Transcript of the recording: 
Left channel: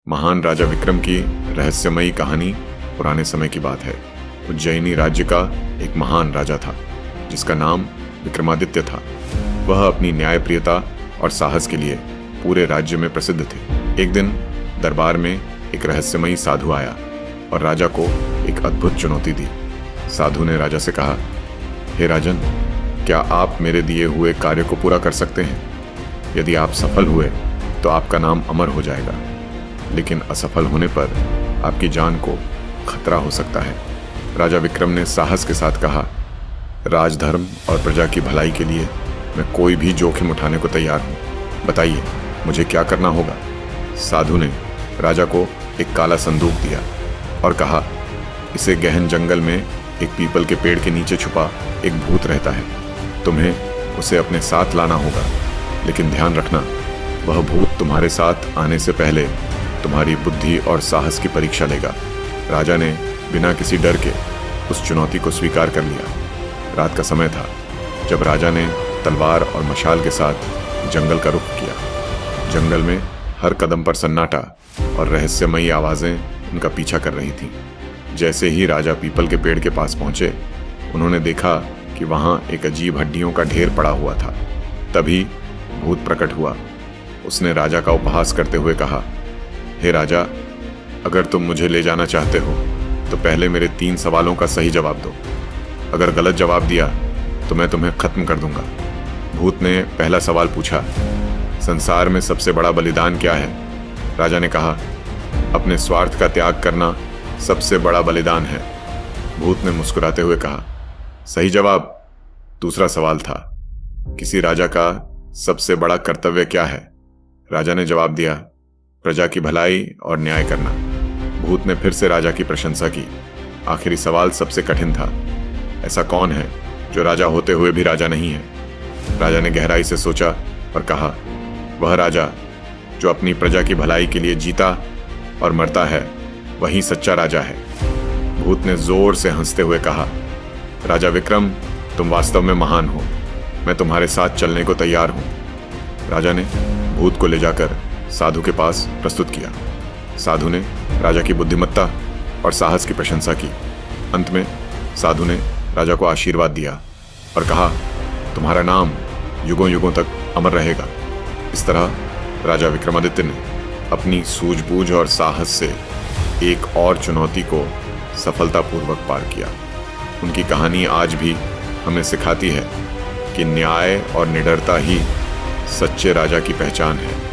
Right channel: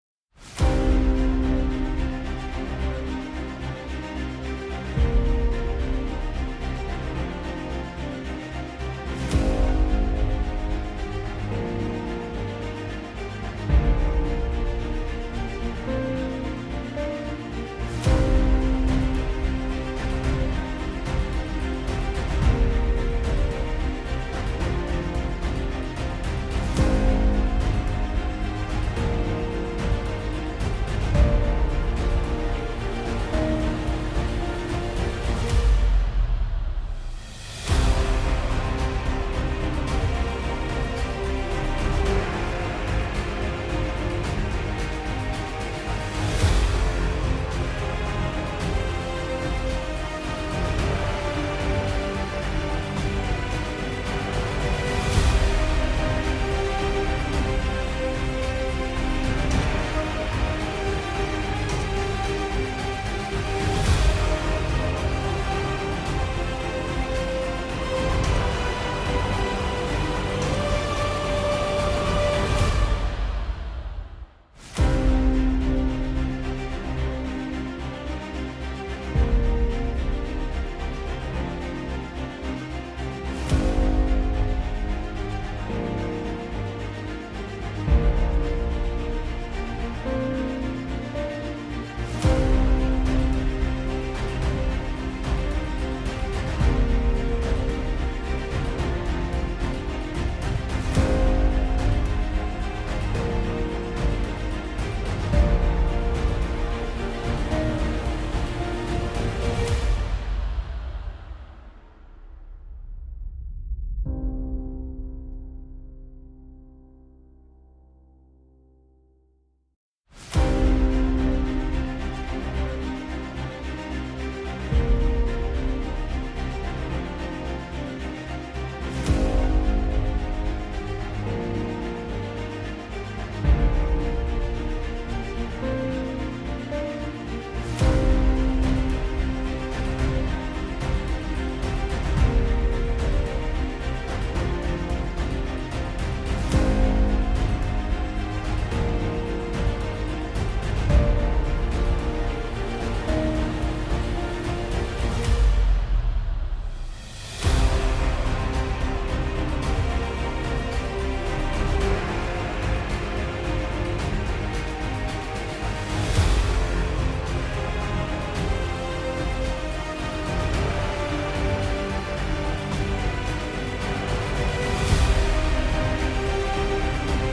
महान राजा विक्रम की रहस्यमयी कहानी पुराने समय की बात है। उज्जैनी राज्य का एक महान राजा था जिसका नाम विक्रमादित्य था। वह अपनी न्यायप्रियता और साहस के लिए पूरे राज्य में प्रसिद्ध थे। एक दिन दरबार में एक रहस्यमयी साधु आया और राजा को एक अद्भुत चुनौती दी। साधु ने राजा से कहा, हे राजन, क्या आप मेरे दिए हुए कार्य को पूरा कर सकते हैं? यदि आप सफल हुए तो आपका नाम अमर हो जाएगा, लेकिन असफल होने पर आपकी जान को खतरा हो सकता है। राजा विक्रम ने साहस के साथ कहा, राजधर्म और प्रजा की भलाई के लिए मैं कोई भी जोखिम उठाने को तैयार हूँ। बताइए, मुझे क्या करना होगा? साधु ने राजा को एक काला संदूक दिया और कहा, इसे गहन जंगल में एक पीपल के पेड़ के नीचे छुपा एक भूत रहता है। तुम्हें उसे अपने साथ लाना होगा, लेकिन ध्यान रखना, वह भूत तुम्हारे साथ आने से पहले तुम्हारी बुद्धि और साहस की परीक्षा लेगा। राजा ने बिना किसी डर के उस चुनौती को स्वीकार कर लिया। रात का समय था जब राजा ने तलवार और मशाल के साथ जंगल का रुख किया। जंगल में हर कदम पर सन्नाटा और रहस्यमयी आवाजें उनका पीछा कर रही थीं। जैसे ही राजा पीपल के पेड़ के पास पहुंचे, उन्होंने देखा कि वहां एक अजीब हड्डियों का ढेर पड़ा हुआ था। तभी भूत प्रकट हुआ। उसने राजा का उपहास करते हुए कहा, हे राजा, अगर तुम मुझे ले जाना चाहते हो तो पहले मेरे 3 सवालों का सही जवाब दो। अगर गलत जवाब दिया तो मैं तुम्हें खत्म कर दूंगा। भूत ने पहला सवाल पूछा, संसार में सबसे बड़ा बलिदान क्या है? राजा ने कहा, अपने स्वार्थ का त्याग करना सबसे बड़ा बलिदान है। भूत ने मुस्कुराते हुए कहा, सही जवाब। दूसरा सवाल था, किसी राजा का सबसे बड़ा कर्तव्य क्या है? राजा ने जवाब दिया, प्रजा की भलाई और न्याय करना। भूत ने फिर से राजा की प्रशंसा की। आखिरी सवाल सबसे कठिन था, ऐसा कौन है जो राजा होते हुए भी राजा नहीं है? राजा ने गहराई से सोचा और कहा, वह राजा जो अपनी प्रजा की भलाई के लिए जीता और मरता है, वही सच्चा राजा है। भूत ने जोर से हंसते हुए कहा, राजा विक्रम, तुम वास्तव में महान हो। मैं तुम्हारे साथ चलने को तैयार हूँ। राजा ने भूत को ले जाकर साधु के पास प्रस्तुत किया। साधु ने राजा की बुद्धिमत्ता और साहस की प्रशंसा की। अंत में साधु ने राजा को आशीर्वाद दिया और कहा, तुम्हारा नाम युगों युगों तक अमर रहेगा। इस तरह राजा विक्रमादित्य ने अपनी सूझबूझ और साहस से एक और चुनौती को सफलतापूर्वक पार किया। उनकी कहानी आज भी हमें सिखाती है कि न्याय और निडरता ही सच्चे राजा की पहचान है।